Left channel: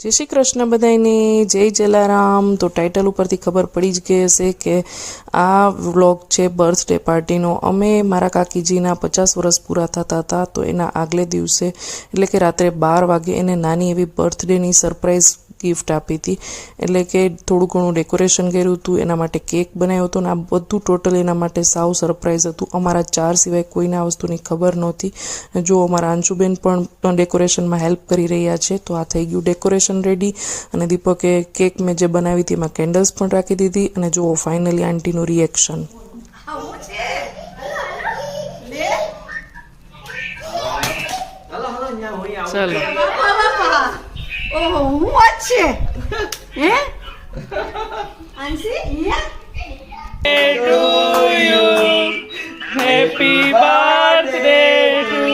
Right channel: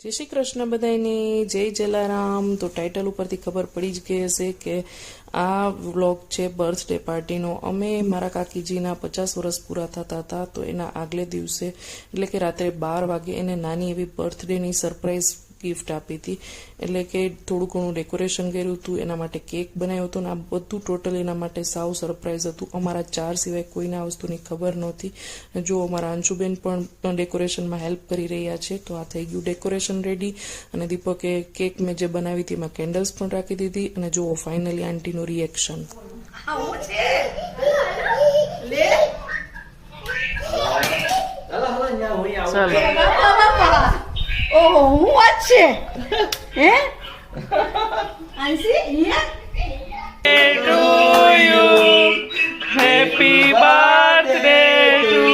જય શ્રી કૃષ્ણ બધાને, જય જલારામ। તો ટાઇટલ ઉપરથી ખબર પડી જ ગઈ હશે કે આ વ્લોગ છે બર્થડે પાર્ટીનો। અમે મારા કાકીજીના 50 વર્ષ પૂરા થતા હતા, તો એના આગલે દિવસે એટલે કે રાત્રે 12 વાગે એને નાની એવી બર્થડેની સરપ્રાઈઝ ગિફ્ટ આપી હતી। એટલે કે થોડું ઘણું ડેકોરેશન કર્યું હતું, એના માટે કેક બનાવ્યો હતો, ને આ બધું ટોટલ એના માટે સાવ સરપ્રાઈઝ હતું। અમારા 4 સિવાય કોઈને આ વસ્તુની ખબર નહોતી। જો અમારા અંશુબેન પણ ડેકોરેશનમાં હેલ્પ કરી રહ્યા છે। તો આ થઈ ગયું ડેકોરેશન રેડી, અને દીપકે કેક મેં જે બનાવી હતી એમાં કેન્ડલ્સ પણ રાખી દીધી, અને જુઓ ફાઇનલી આંટીનું રિએક્શન। ઓહો, હું વાત છે હે આંસી હેપી બર્થડે ટુ